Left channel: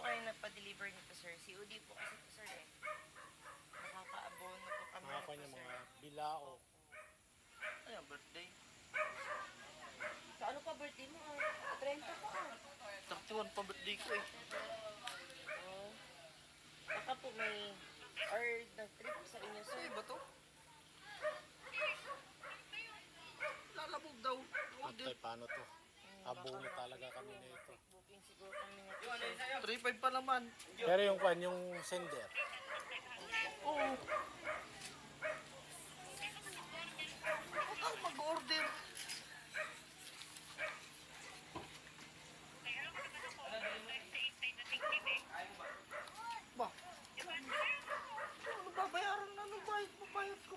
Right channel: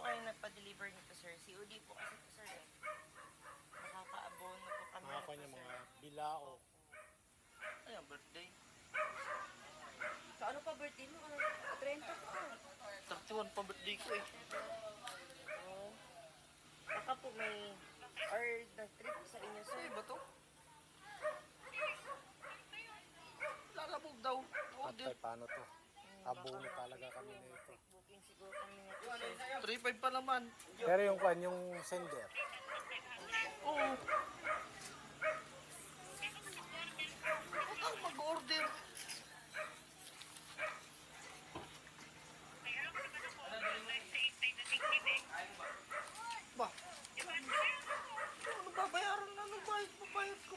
po kayo nagpa-deliver nito, sir? COD po kasi po, sir, eh. Nakaka-abono po kami Mga nito, kanya sir. mga bilao. Ay, ang birthday. So, ano pa birthday mo? 30 pa. 31 pa birthday ko eh. Oh. Baka po may or nag-trip sa inyo, sir. Ay, ba to? Lalabog daw. Patay, paano to? Abono talaga kami na ito. Booking siguro kami nito, sir. 3.5 pa naman. Pero yung kwan, yung sender. Oo. Ako mag-order. Ba? Ano babayaran namin? Bayad ko.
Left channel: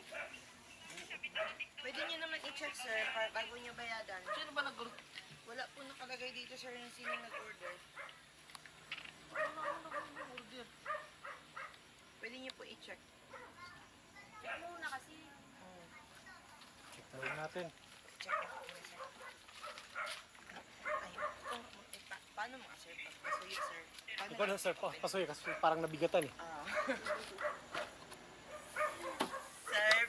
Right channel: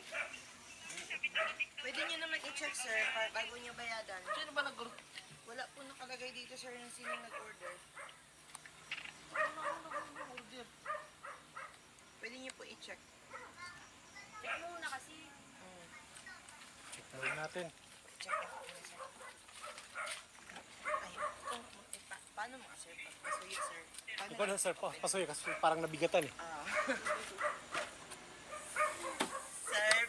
Pwede nyo naman i-check, sir, bago nyo bayadan. Sino ba nag-order? Wala po nakalagay dito, sir, yung sino nag-order. Ano ako nag-order? Pwede nyo po i-check. Check mo muna kasi. Check mo natin. Check mo po, sir. Ay, paano mga, sir? Pagpasulit, sir. Paano? Ikaw na sir, pasuyo kasi parang nabigatan eh. Sir,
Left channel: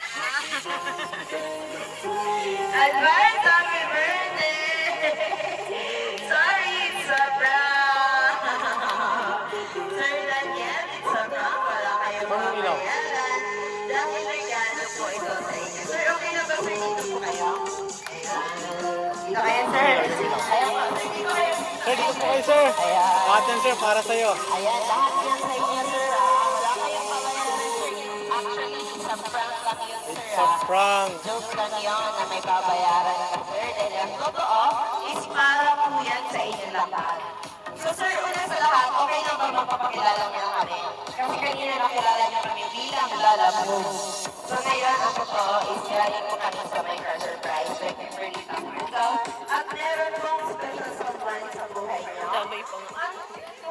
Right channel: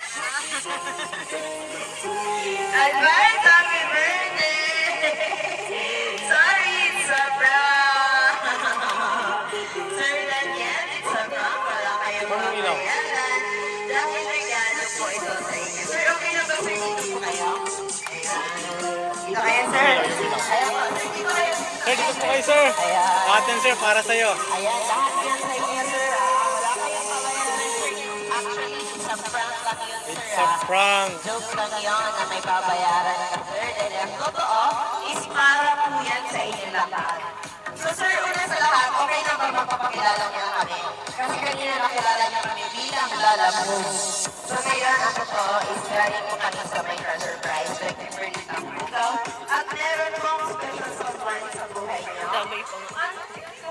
advance happy birthday! Sorry, it's a prank! Sir Daniel, it's a prank. Wala kayong Anong ilaw? babayaran. Dahil regalo po ito sa inyo. Sir, okay na ba, sir? Dito po kayo? Dito kayo, sir. Ayan po, sir. Dito kayo. Sir, dito po kayo sir. Lahat yan sir, para sa'yo. Ayan, lahat yan sa inyo, sir. Wala kayong babayaran. Actually, it's a prank lang yun, sir. It's a prank. Joke lang yun na may babayaran ka, sir. Dahil ang totoo is para po yan sa inyo lahat. So, sir, una sa lahat, okay na ba magpapakilala niyo kami? Kasi kanina nakilala niyo kami bilang Lala Moves. So, kaya ang totoo is galing po kami sa may treasure prize. Like, Kimberly Tambukaw. At meron pong special someone sa buhay niyo. Ano po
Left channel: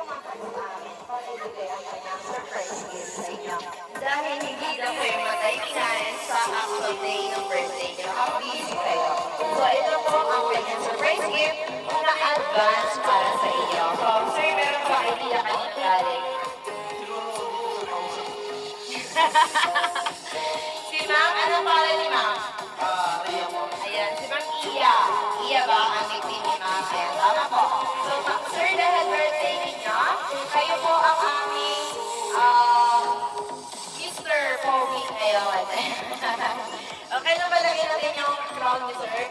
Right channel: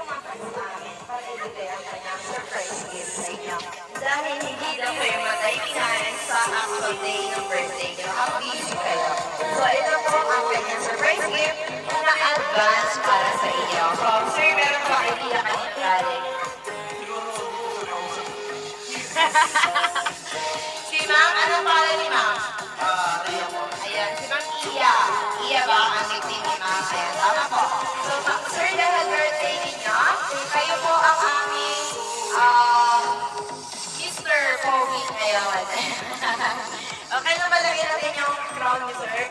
magpapasamin para ibigay ang kanyang surprise gift sa inyo? Dahil hindi na kayo matay-tingnan sa actual day ng birthday niyo, mag-easy kayo. So, ito po ang kanyang surprise gift na advance para sa inyo. So, sir, meron ba idea kanina galing? Si ma'am, anong pangalan ni ma'am? Ayan, si ma'am Iya. Iya ba ang nickname ni ma'am? Ayan, tama po. So, sir, dahil birthday ninyo, kayo po ang aming Mr. Pogi ngayon. Okay na ba lagyan natin yung crown ni sir?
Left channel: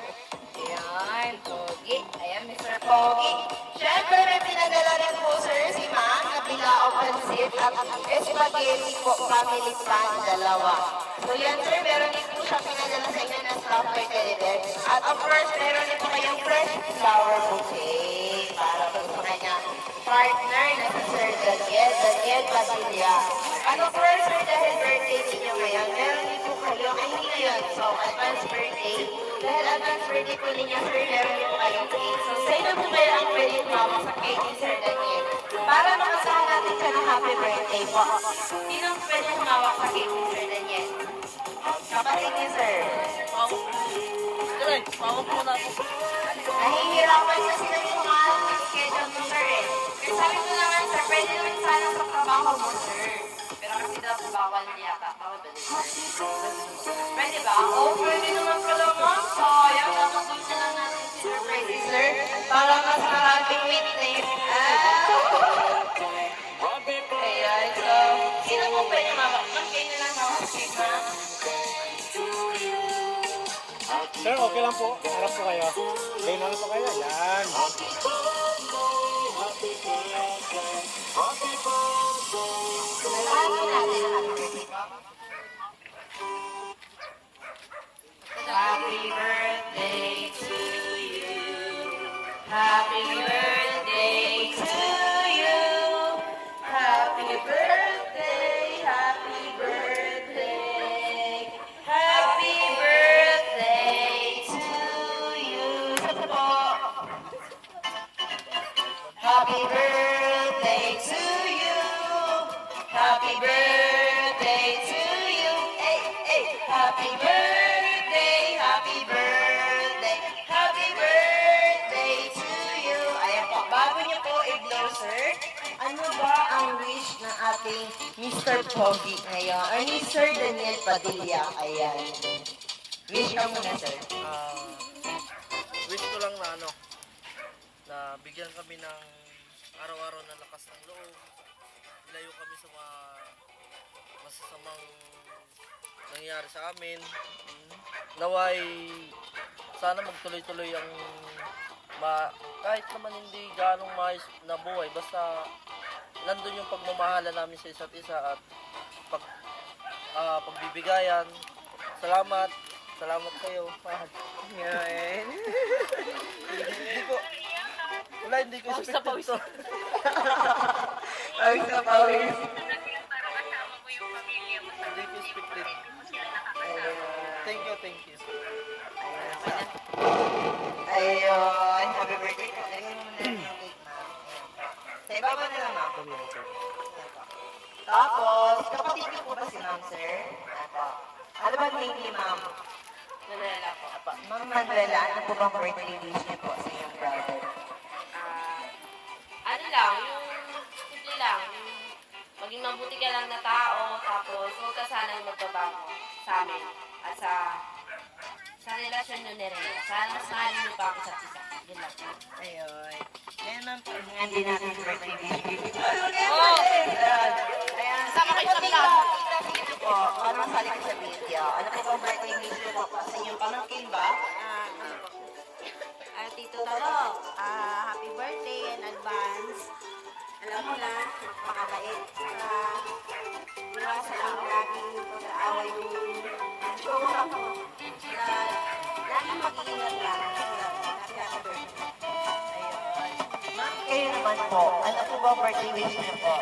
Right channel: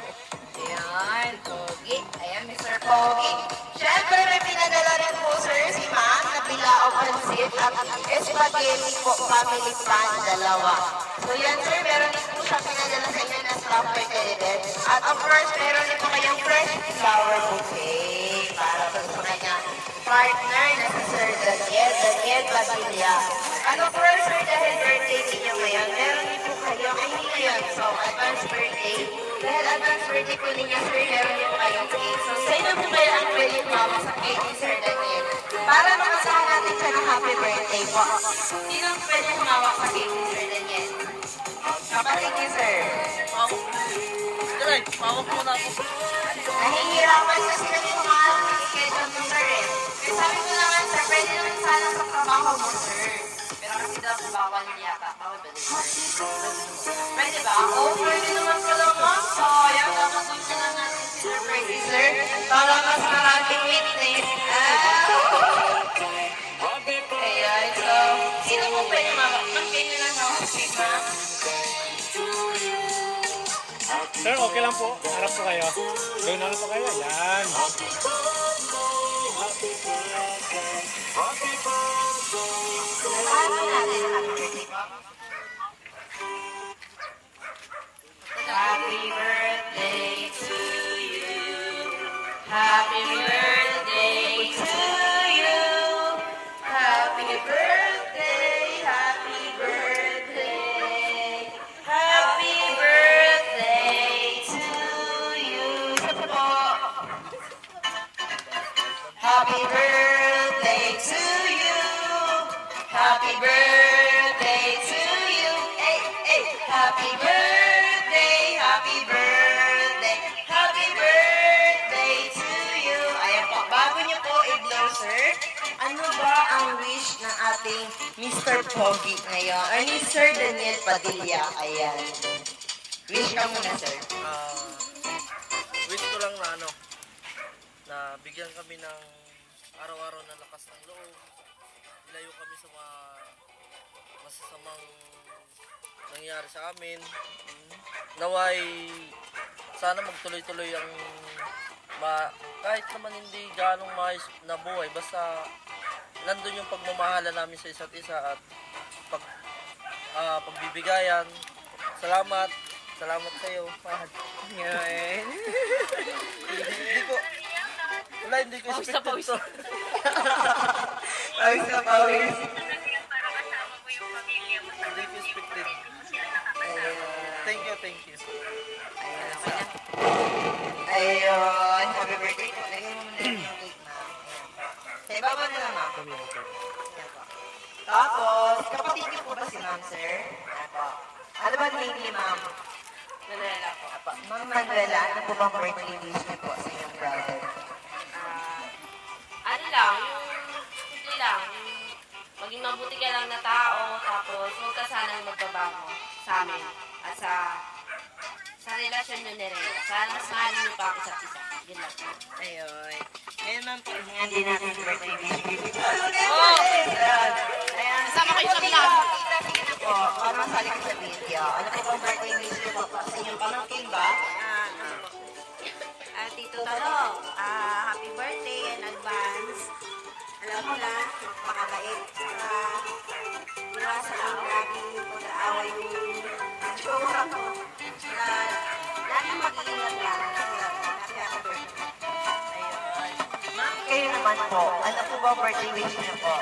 Ayan, Pogi. Ayan, Mr. Pogi. Siyempre, may pinadala rin po, sir, si ma'am na bilao pansit at spaghetti po, family pan, dalawa. So yan, sir, meron din po siya pinadala sa inyo na stopper teddy. At of course, meron din po kayong fresh flower bouquet para po sa kanyang partner na si Sir Daniel Padilla. And of course, sir, dahil birthday ninyo ngayon, meron din po kayo, ay hindi ngayon, so advance birthday. Dahil advance birthday po ninyo, sir, meron din po kayong cake. So, sino po ba ang pwede mama sa cake ni Sir Daniel? Para makasahan natin siya ng happy birthday po. Sino ang pwede humawak sa cake ni Sir Daniel? Kapatid niyo, sir. Ay, pawag mo na. Nahihirapan kasi kami kumahal ng schedule mo, sir, eh. Eh, sabi ko naman, sir, pwede naman sana sa trabaho mo, sir. Pero kasi daw, bawal yata. Bawal ba din, sir? Pwede ba? Oo, pwede naman pala, ma'am. So, ayan, dapat gusto na natin si Sir Pwede, sir. Para mas maraming witness. Ayan, so, sino mo pwede mawak? Ma'am, kayo na lang ako sa ma'am. Sir, okay lang po. Harap po kayo. Gawin na lang po kayo. Yan. Happy birthday to you. Happy birthday to you. Happy birthday, happy birthday. Happy birthday to you. Happy birthday to you. Happy birthday to you. Hey, hey. Happy birthday, happy birthday. Happy birthday to you. Ayan po, bago niyo po i-blow, sir. Ano ba ating Mr. Pogi ngayon. Or ni Sir Daniel Padilla. Ayan. Wish ka muna, sir. Wish ko lang na na bigyan kami ng araw-araw na lakas ng loob. Ilayo kami sa mga masasamang nangyayari sa amin. Naway, sana magtuloy-tuloy ang kahit naman hindi ganong maayos na buhay, basta nandun yung pagmamahala namin sa isa't isa at pagbibigayan. Salamat sa iyo, mahal. Ngayon. Hindi ko Pawis na pawis. to. Pawis na pawis. Hindi ko expected. Thank you. Ayun. Happy birthday po. Lagyan mo muna yung cake na. Sa ibaba na lang, ma'am. Kami mo, sir. Tapos, kapatid niyo po ba si ma'am, sir? Apo. Ano ba name ni ma'am? Manuela po. Apo. Ma'am Manuela, ano po bang birthday wish niyo po sa iyong brother? Ano lang, yung simple lang, yung maging mabuti ka lang na tao, tapos huwag ka sanang magbabago sa amin at sa relasyon nyo ni Rhea. Sana mas mahalin nyo pa ang isa't isa. Yun lang. Ayun. Ngayon, ma'am, pahingan din natin yung birthday wish niyo. Oh! Ayan. Kasama kayo sa vlog. Kita po, ano masali ko sa video? Ano po bang birthday wish niyo po sa inyong pamangkin ba? Tito Taro, happy birthday in advance. Alam mo na, makabait. Iwas lang laging pag-aaway yung jowa mo. Lahat ng pag-iingat lang. Happy birthday. Ma'am, kayo naman po. Ano po bang birthday wish niyo po?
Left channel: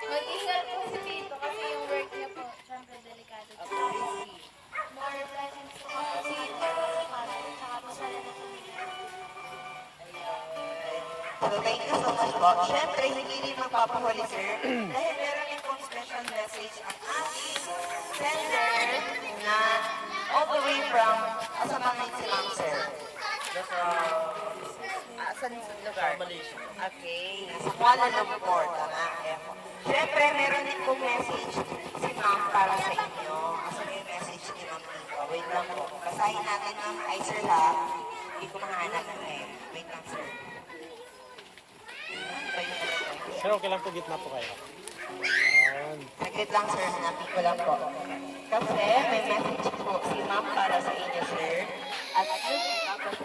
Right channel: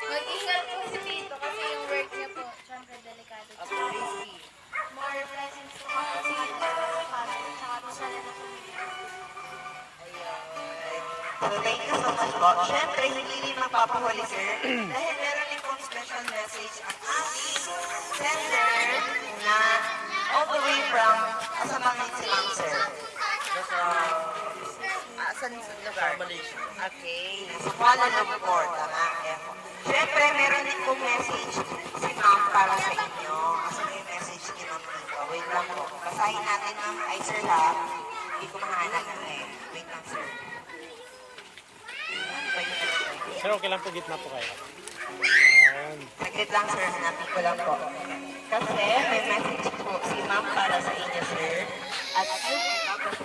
Mag-ingat po si Tito kasi yung work niya po, syempre delikado. More blessings po kasi para sa So, thank you so much po. Siyempre, hindi rin magpapahuli, sir. Dahil meron din pong special message ang ating sender na all the way from Asamangit si Ma'am, sir. Saan lugar? Malaysia. Okay, nasa Kuala Lumpur. Tama. Siyempre, meron din pong message si Ma'am para sa inyo. Asa na yung message ni Ma'am dito? Wait lang po. Basahin natin, Ma'am. Hi, sir, ha? Hindi ko mahanap na eh. Wait lang, sir. Sir, okay lang po, gitna po kayo. Saglit lang, sir. Hanapin ko lang po. Kasi may message po si Ma'am para sa inyo, sir. At tapos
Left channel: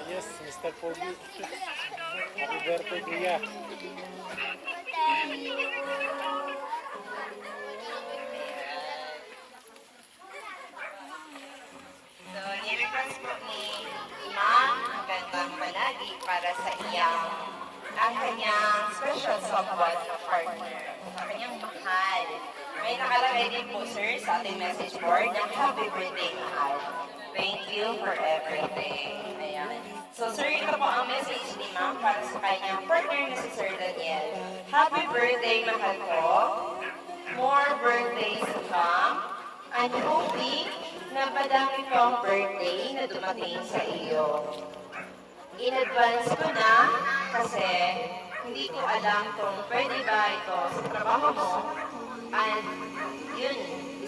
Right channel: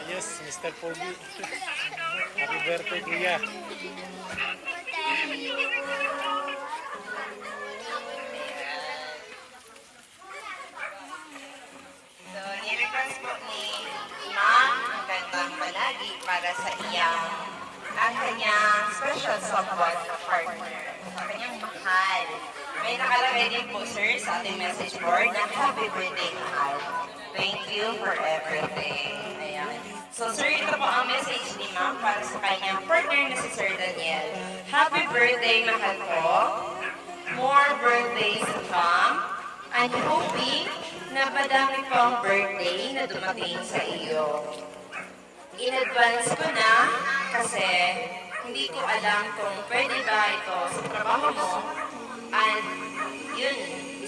Ayos, Mr. Pogi. Happy birthday, kuya. So, nirequest po ni Ma'am ang kanyang palagi para sa iyang at kanyang special someone na partner, sa kanyang mahal. May nakalagay din po, sir, sa ating message board na happy birthday, mahal. Thank you for everything. Ayan. So, sir, ito po ang message ni Ma'am para sa kanyang partner na si Sir Daniel. Happy birthday, mahal ko. More birthdays to come. I'm hoping na padami pang birthday na dumating sa iyo. In advance ko na kasi hindi ko alam kung pwede ba ito sa trabaho mo. And yun,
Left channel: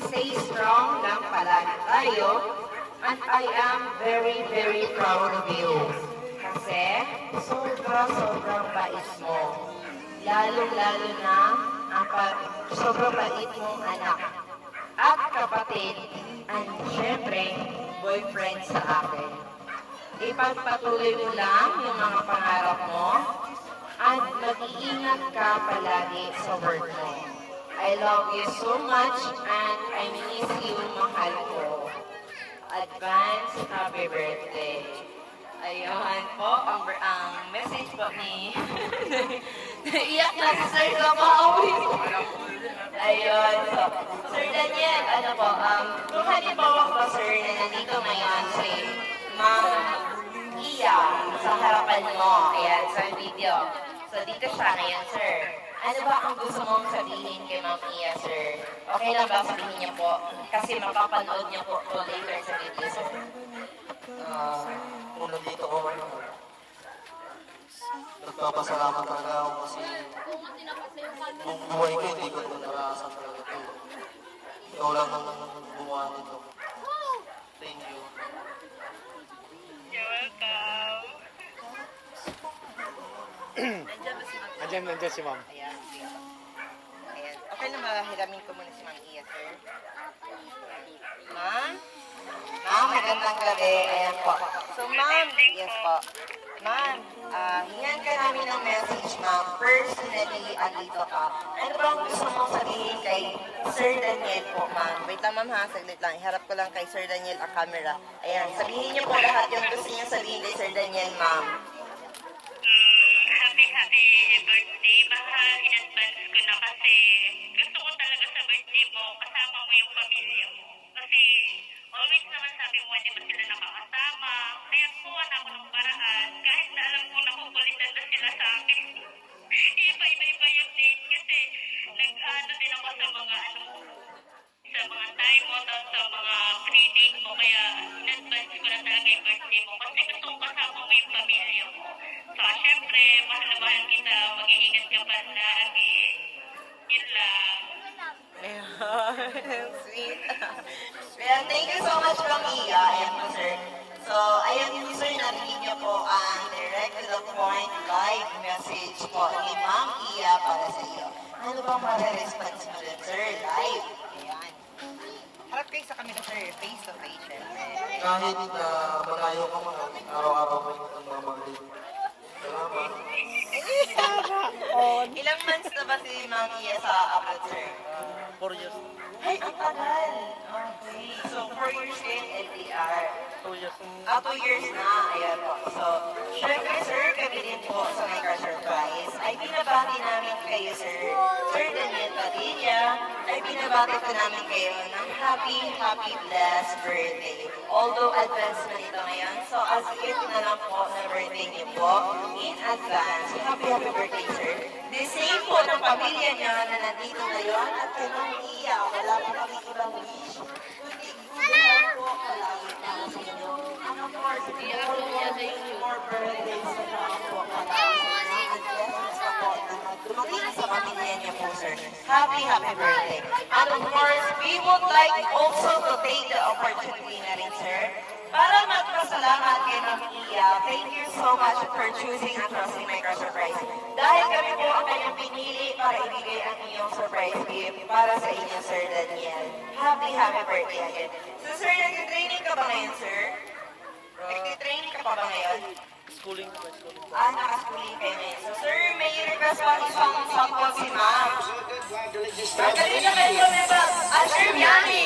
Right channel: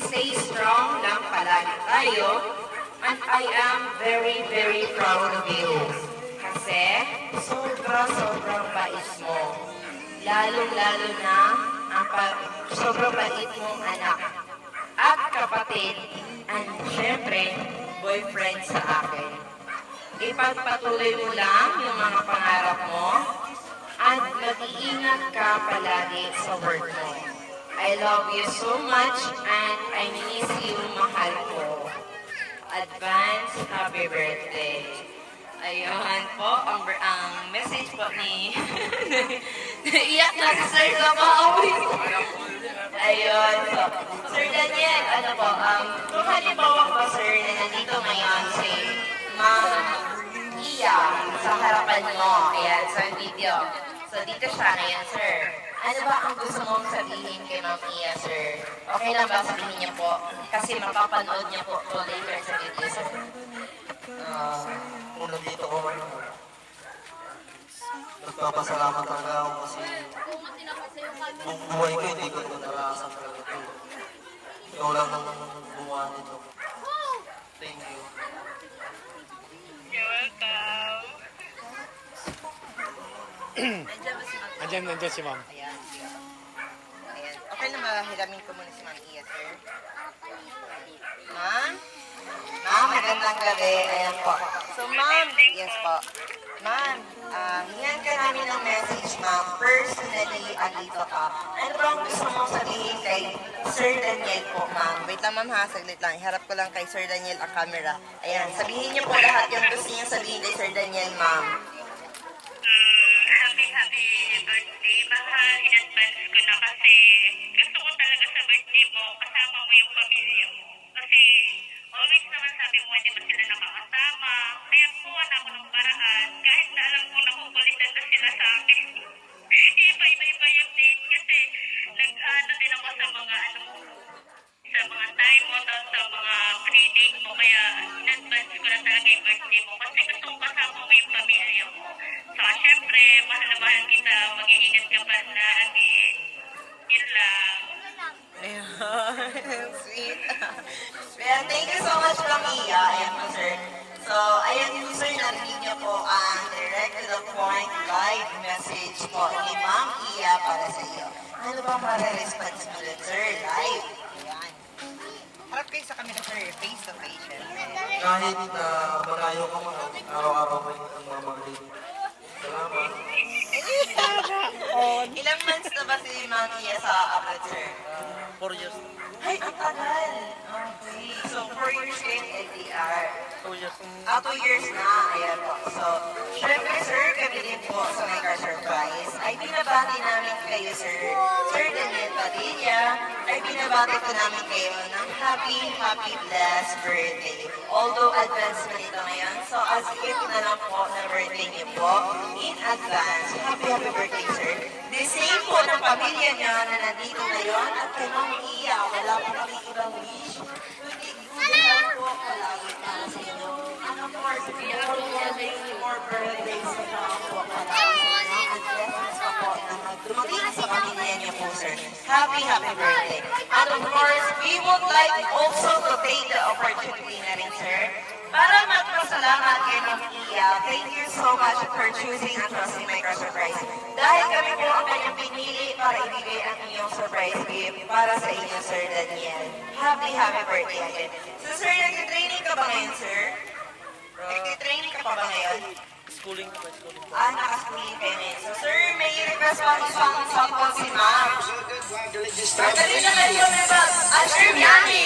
stay strong lang palagi tayo. And I am very, very proud of you. Kasi sobrang bait mo. Lalo-lalo na ang sobrang bait mong anak. At kapatid, and syempre, boyfriend sa akin. Ipagpatuloy mo lang yung mga pangarap mo at mag-iingat ka palagi sa work mo. I love you so much and I miss you, mahal ko. Advance happy birthday. Ayun po, ang message po ni... Iyak na si Sir na pauwi. Ayun po. Sir Daniel, ano po, kung halimbawa po, sir, na nandito ngayon si Ma'am Iya, Iya sa harapan mo. Ayan, sa video. So, dito siya ngayon, sir. Ano ba ang gusto mong sabihin kay Ma'am Iya, sir? Okay lang ba sabihin niya po? Kasi mapapanood niya po ito later sa video, sir. Kung nandito ko man ako, nagpapasalamat talaga ako kasi yung buhay ko hindi ko ito naranasan talaga ito. Ikaw lang naman ang gumawa nito. Thank you. Andyan si ma'am. Ayan. Ayan. Okay na ba hiramin ko muna si Ma'am Iya, sir? Ma'am? Ma'am, magandang gabi. Ayan po. So, ma'am, yes po. Ma'am, hingan ka namin ng message, ma'am. Personally, andito ka. Ano ba ang gusto mong sabihin kay Sir Daniel po, ma'am? Wait lang, ma'am, ha? Saglit lang. Iharap ko lang kay Sir Daniel ang camera. Ayan, sabihin niyo po lahat yung gusto niya sabihin kay Sir Daniel, ma'am. Happy birthday, mahal. In advance ko na kasi gusto ko talaga sa birthday mo, kasama mo yung pamilya mo. Kasi always naman sabi mo, hindi ba sila nakakasama. Kaya kuha na ako ng paraan, kahit na alam ko nakukulitan na sila sa akin. Iba-iba yung date kasi nag-ano din ako sa mga sa mga time mo, tapos sa mga pre-date mo. Kaya in advance ko na talaga yung birthday mo kasi gusto ko kasama mo yung pamilya mo. So, syempre, mahal na mahal kita. Mag-iingat ka pa lagi. Yun lang. Ayan, sweet. Well, thank you so much, Ma'am Iya. Ayan po, sir. So, ayan po, sir, narinig niyo po ang direct to the point live message po ni Ma'am Iya para sa iyo. Ano ba ang response mo dun, sir? Live. Ayan. Harap kayo sa kanila, sir. Face to face, syempre. Kahit na malayo ka man, araw-araw ko yung mga magaling. Salamat. Ilang months na ba si Ma'am Iya sa abroad, sir? 4 years. Ay, ang tagal. Okay. So, 4 years kayo in LDR. 2 years. 2 years na. Ayan po. So, syempre, sir, kami din po sa My Car Surprise ay binabati namin kayo, sir. Sir Daniel Padilla, ay binabati po namin kayo ng happy, blessed birthday. Although advance na nito ngayon, so as if na lang po na birthday niyo po, in advance, happy birthday, sir. The same po ng pamilya niya na nandito ngayon at kay Ma'am Iya, wala po kami ibang wish. Kundi lang po palagi para sa inyo. And of course, more birthdays na lang po palagi sa inyo. And blessings pa po na dumating sa pamilya niyo po, sir. Happy birthday. And of course, we would like also to take the opportunity na rin, sir, para magpasalamat kay Ma'am Iya. Thank you so much for choosing and trusting My Car Surprise. Dahil kami po ang kanyang pinili para ibigay ang inyong surprise gift para sa inyo, Sir Daniel. Happy birthday again. So, sir, nag-training ka ba ngayon, sir? Nag-training ka pa ba ngayon? Schooling. Naka-schooling kayo ngayon. So, sir, may request pang isang sample si ma'am. Magdali na kayo, diba? Sir Miami!